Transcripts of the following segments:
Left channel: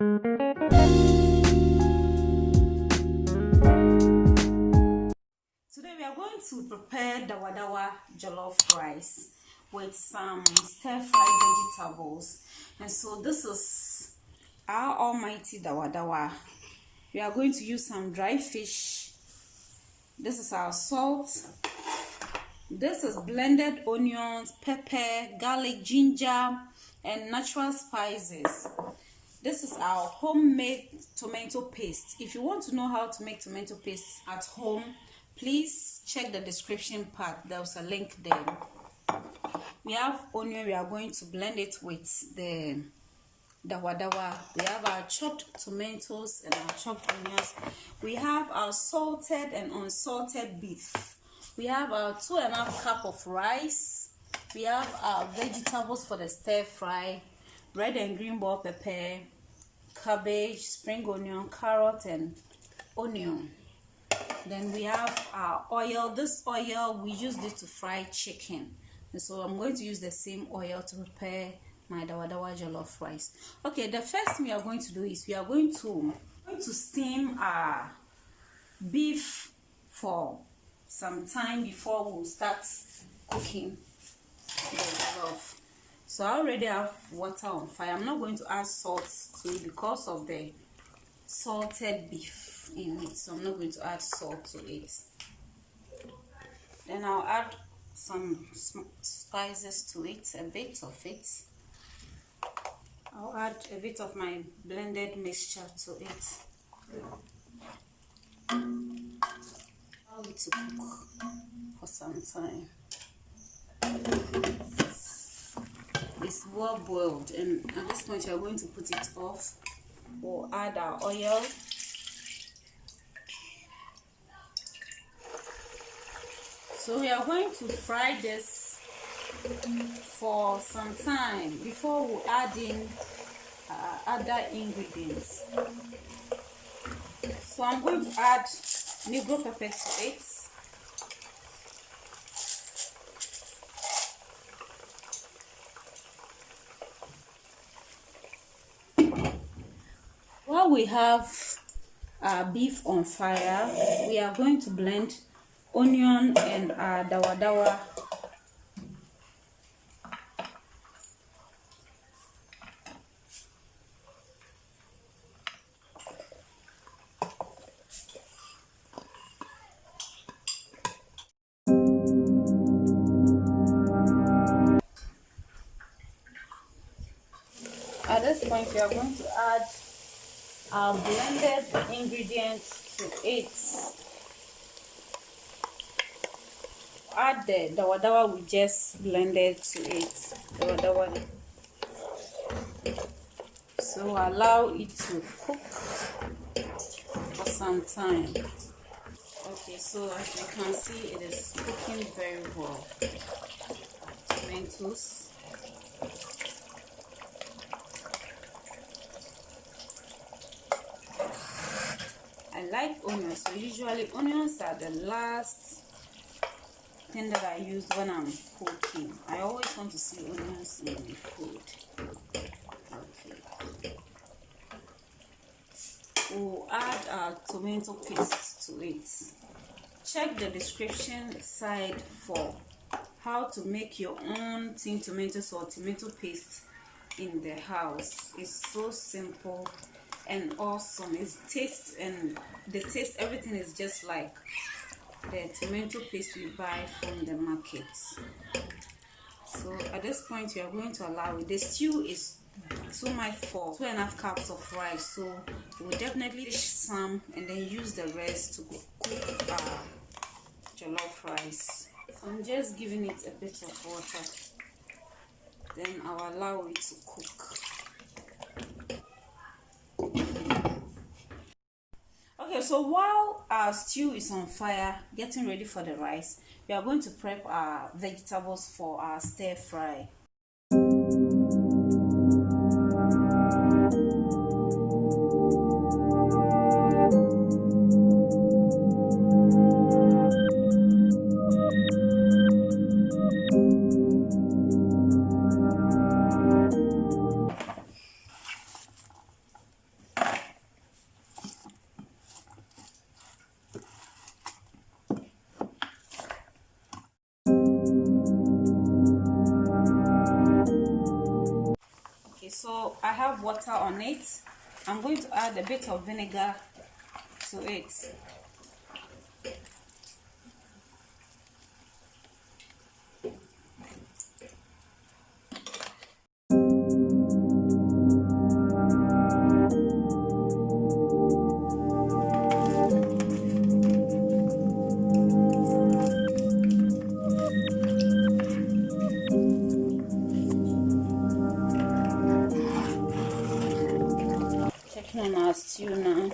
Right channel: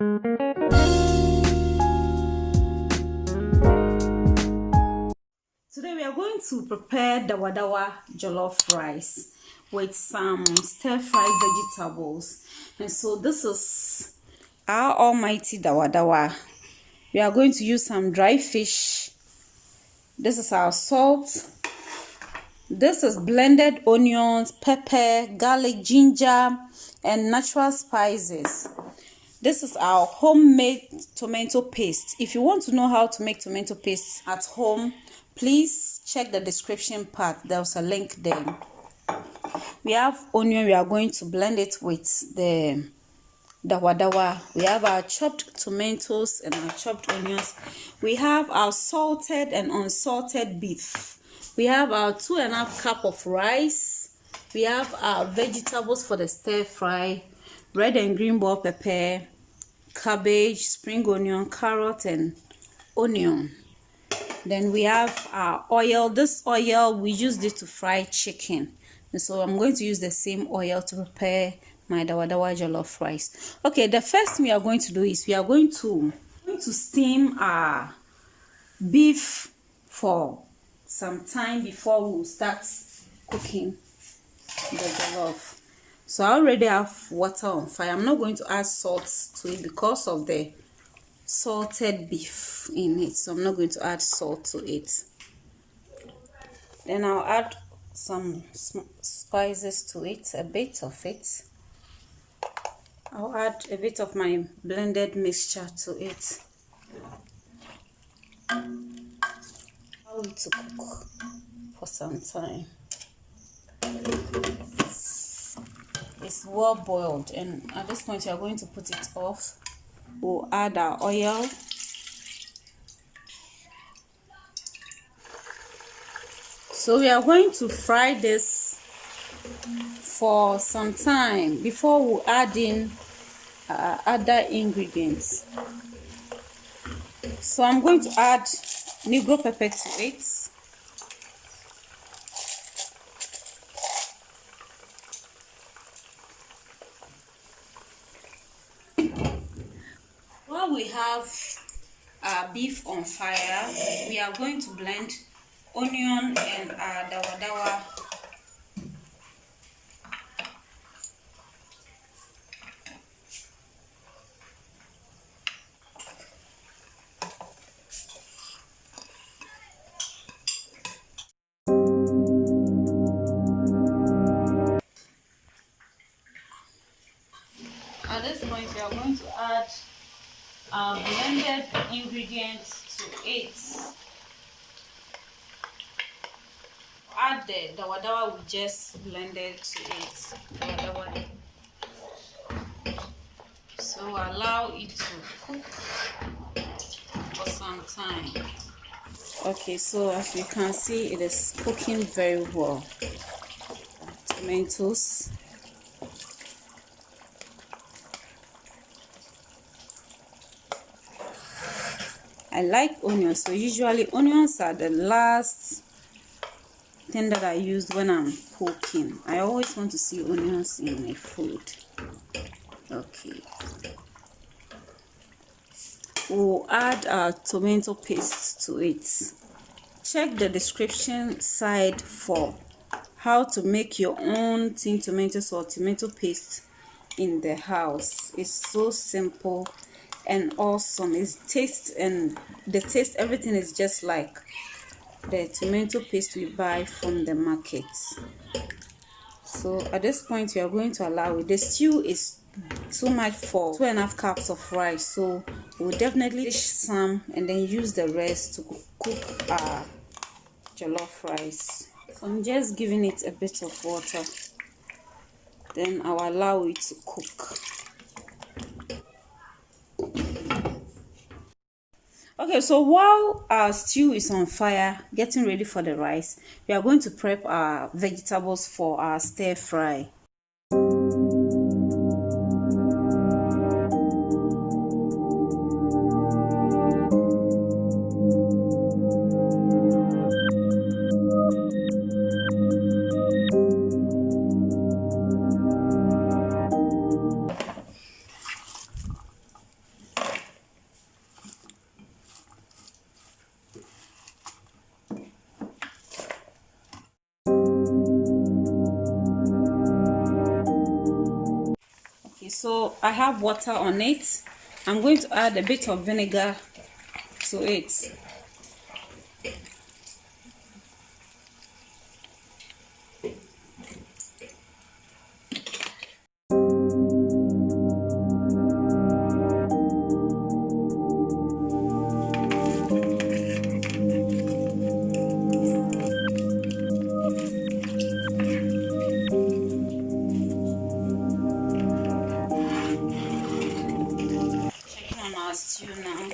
Today we are going to prepare Dawadawa jollof rice with some stir-fried vegetables. And so this is our almighty Dawadawa. We are going to use some dry fish. This is our salt. This is blended onions, pepper, garlic, ginger, and natural spices. This is our homemade tomato paste. If you want to know how to make tomato paste at home, please check the description part. There's a link there. We have onion. We are going to blend it with the Dawadawa. We have our chopped tomatoes and our chopped onions. We have our salted and unsalted beef. We have our 2.5 cup of rice. We have our vegetables for the stir fry, red and green bell pepper, cabbage, spring onion, carrot, and onion. Then we have our oil. This oil, we use it to fry chicken. And so I'm going to use the same oil to prepare my Dawadawa jollof rice. Okay, the first thing we are going to do is we are going to steam our beef for some time before we start cooking the jollof. So I already have water on fire. I'm not going to add salt to it because of the salted beef in it. So I'm not going to add salt to it. Then I'll add some spices to it, a bit of it. I'll add a bit of my blended mixture to it. Allow it to cook for some time. It's well boiled, and at this point you are going to put it off. We'll add our oil. So we are going to fry this for some time before we add in other ingredients. So I'm going to add Negro pepper to it. While we have our beef on fire, we are going to blend onion and Dawadawa. At this point, we are going to add blended ingredients to it. Add the Dawadawa we just blended to it. Dawadawa. So allow it to cook for some time. Okay, so as you can see, it is cooking very well. Tomatoes. I like onions, so usually onions are the last thing that I use when I'm cooking. I always want to see onions in my food. Okay. We'll add our tomato paste to it. Check the description side for how to make your own tin tomatoes or tomato paste in the house. It's so simple and awesome. It's taste, and the taste, everything is just like the tomato paste we buy from the market. So at this point we are going to allow it. The stew is too much for 2.5 cups of rice, so we'll definitely dish some and then use the rest to cook our jollof rice. So I'm just giving it a bit of water, then I'll allow it to cook. Okay, so while our stew is on fire, getting ready for the rice, we are going to prep our vegetables for our stir fry. I have water on it. I'm going to add a bit of vinegar to it. On our stew now.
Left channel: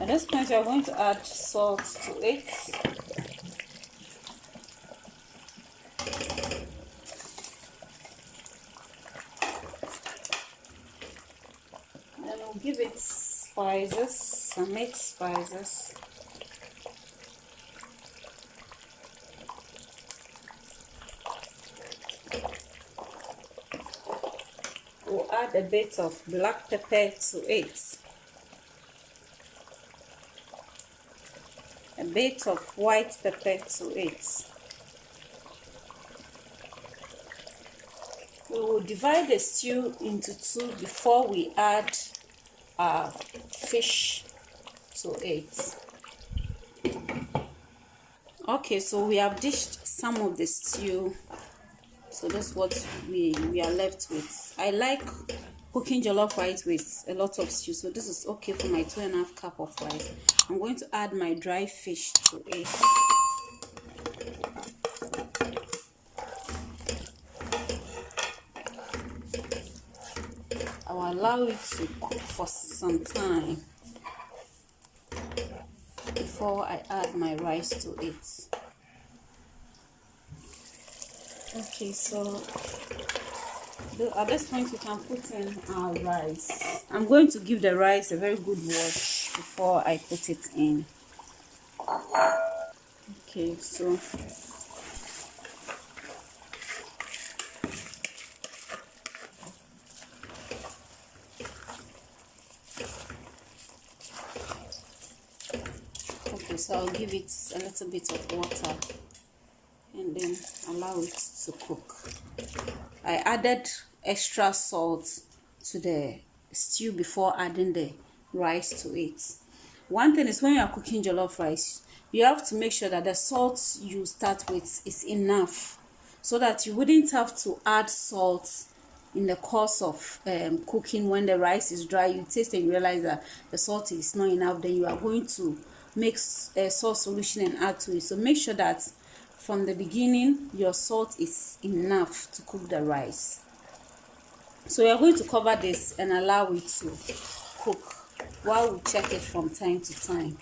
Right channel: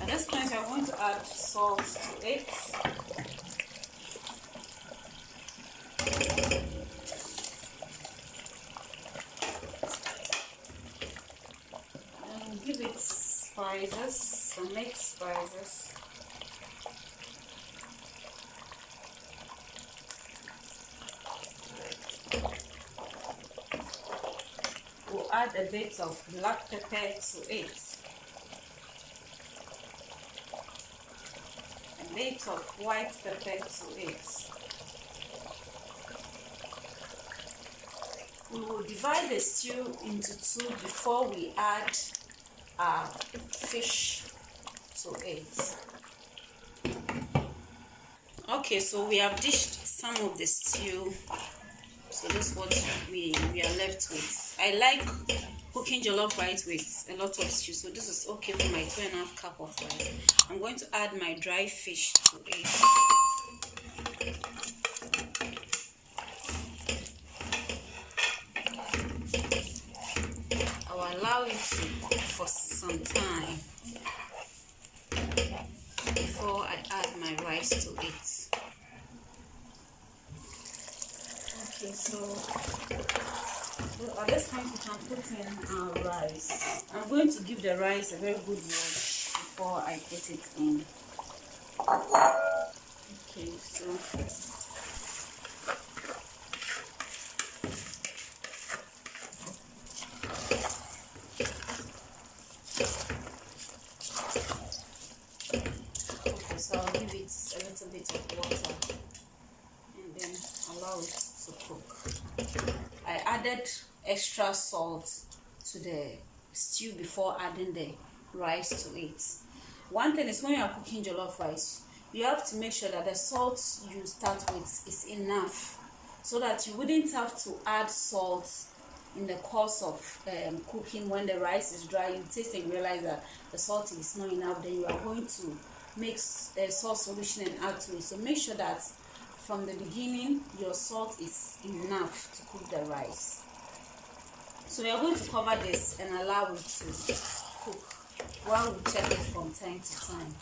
At this point, we are going to add salt to it. Then we'll give it spices, some mixed spices. We'll add a bit of black pepper to it, a bit of white pepper to it. We will divide the stew into two before we add fish to it. Okay, so we have dished some of the stew. So that's what we are left with. I like cooking jollof rice with a lot of stew, so this is okay for my 2.5 cup of rice. I'm going to add my dry fish to it. I will allow it to cook for some time before I add my rice to it. Okay, so at this point we can put in our rice. I'm going to give the rice a very good wash before I put it in. Okay, so I'll give it a little bit of water and then allow it to cook. I added extra salt to the stew before adding the rice to it. One thing is, when you are cooking jollof rice, you have to make sure that the salt you start with is enough, so that you wouldn't have to add salt in the course of cooking. When the rice is dry, you taste and realize that the salt is not enough, then you are going to mix a salt solution and add to it. So make sure that from the beginning your salt is enough to cook the rice. So we are going to cover this and allow it to cook while we check it from time to time.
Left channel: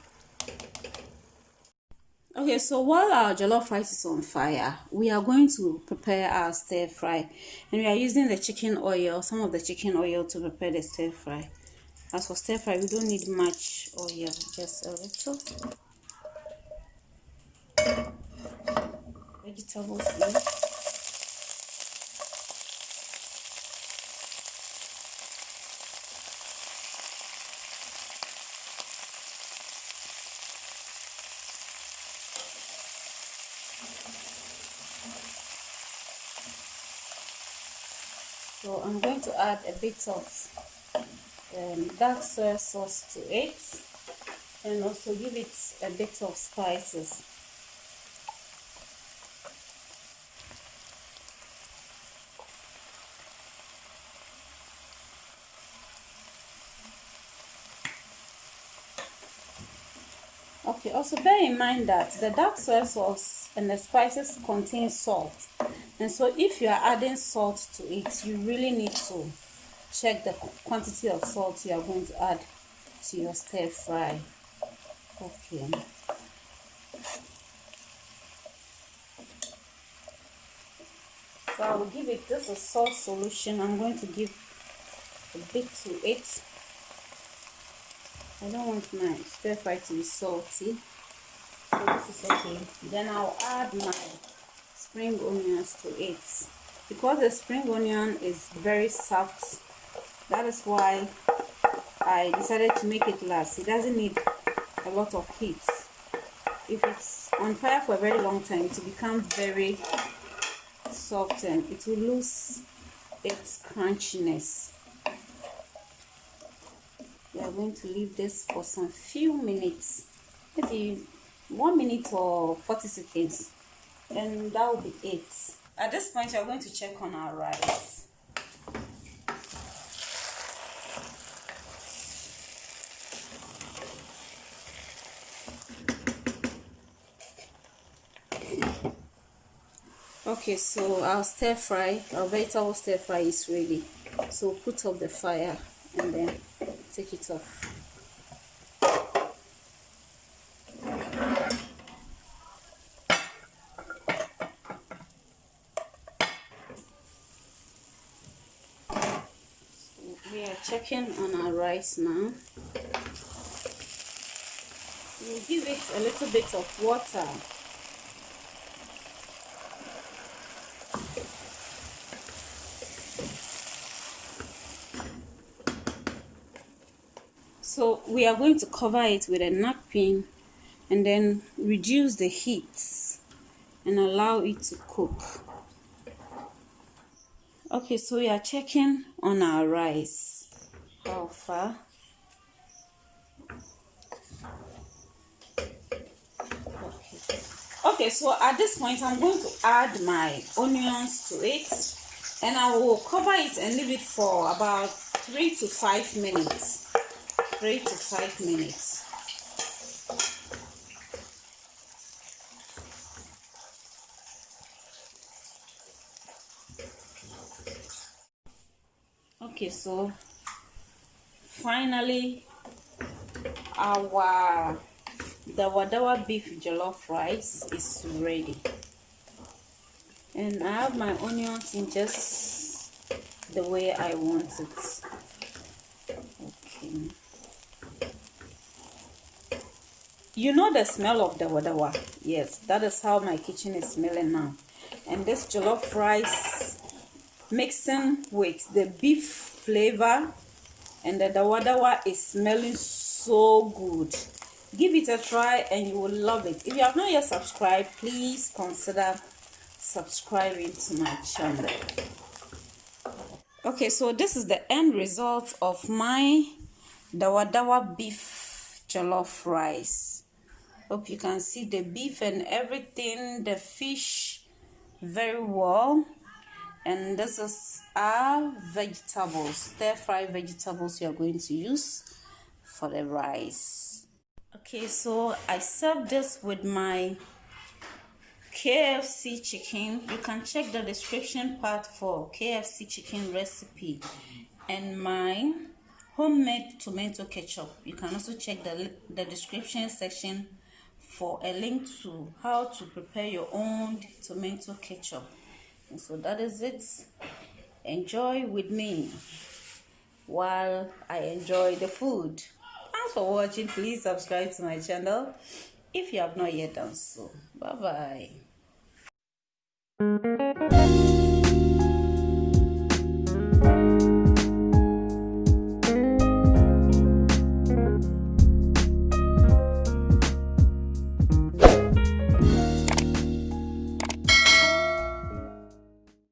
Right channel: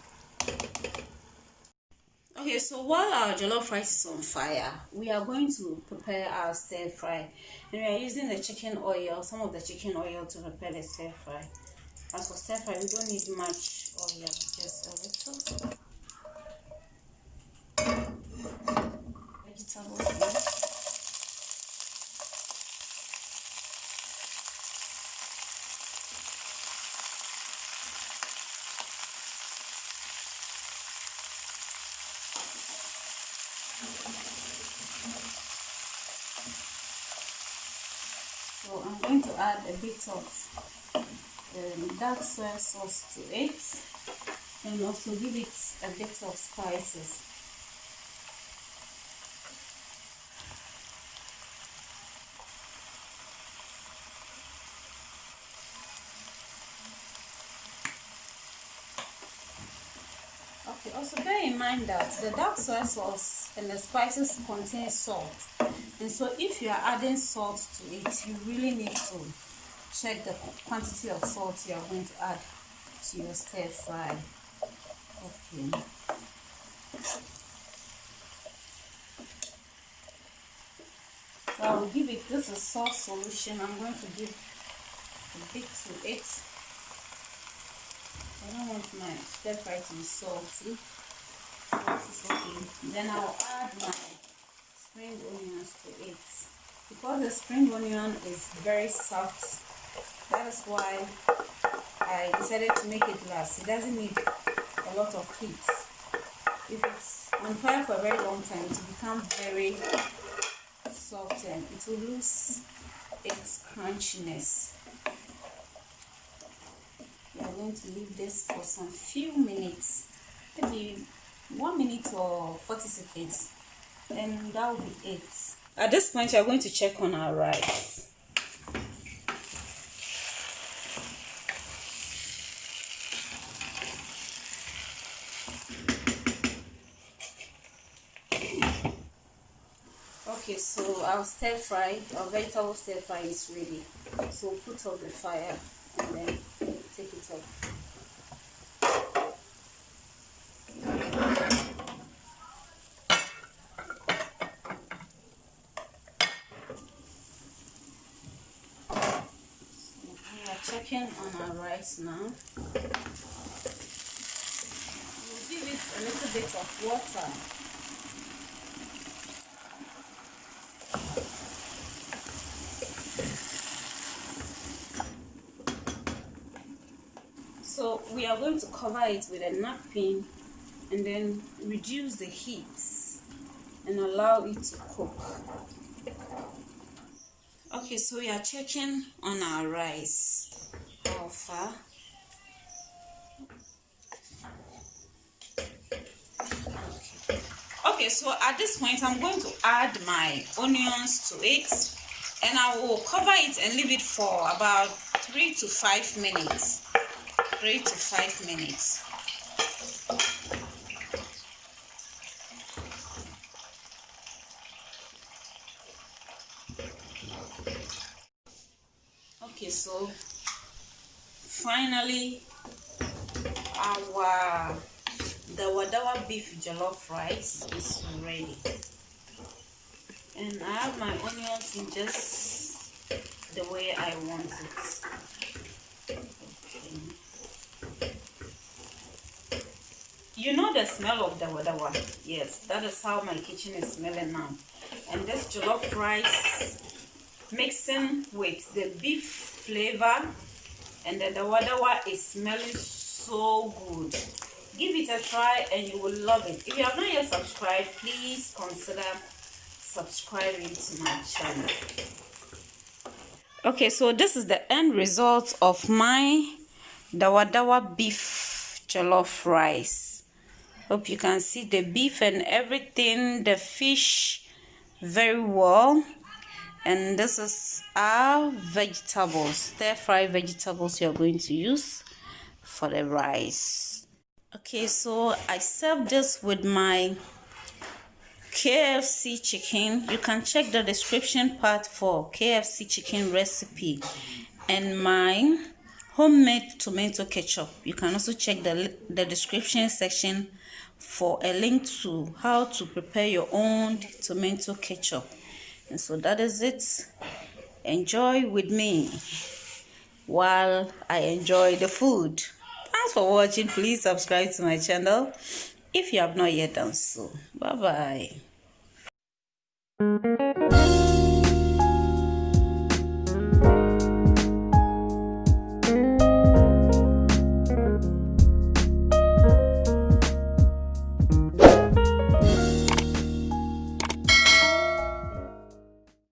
Okay, so while our jollof rice is on fire, we are going to prepare our stir fry, and we are using the chicken oil, some of the chicken oil, to prepare the stir fry. As for stir fry, we don't need much oil, just a little. Vegetables here. So I'm going to add a bit of dark soy sauce to it, and also give it a bit of spices. Okay, also bear in mind that the dark soy sauce and the spices contain salt, and so if you are adding salt to it, you really need to check the quantity of salt you are going to add to your stir fry. Okay. So I will give it, this is salt solution. I'm going to give a bit to it. I don't want my stir fry to be salty, so this is okay. Then I'll add my spring onions to it. Because the spring onion is very soft, that is why I decided to make it last. It doesn't need a lot of heat. If it's on fire for a very long time, it will become very soft and it will lose its crunchiness. We are going to leave this for some few minutes, maybe 1 minute or 40 seconds, and that will be it. At this point, we are going to check on our rice. Okay, so our vegetable stir fry is ready. So put up the fire and then take it off. So we are checking on our rice now. We'll give it a little bit of water. So we are going to cover it with a napkin and then reduce the heat and allow it to cook. Okay, so we are checking on our rice. How far? Okay, so at this point I'm going to add my onions to it, and I will cover it and leave it for about 3 to 5 minutes. 3 to 5 minutes. Okay, so finally our Dawadawa beef jollof rice is ready, and I have my onions in just the way I want it. Okay. You know the smell of Dawadawa. Yes, that is how my kitchen is smelling now. And this jollof rice mixing with the beef flavor and the Dawadawa is smelling so good. Give it a try and you will love it. If you have not yet subscribed, please consider subscribing to my channel. Okay, so this is the end result of my Dawadawa beef jollof rice. Hope you can see the beef and everything, the fish very well. And this is our vegetables, stir-fry vegetables you are going to use for the rice. Okay, so I served this with my KFC chicken. You can check the description part for KFC chicken recipe and my homemade tomato ketchup. You can also check the description section for a link to how to prepare your own tomato ketchup. And so that is it. Enjoy with me while I enjoy the food. Thanks for watching. Please subscribe to my channel if you have not yet done so. Bye bye.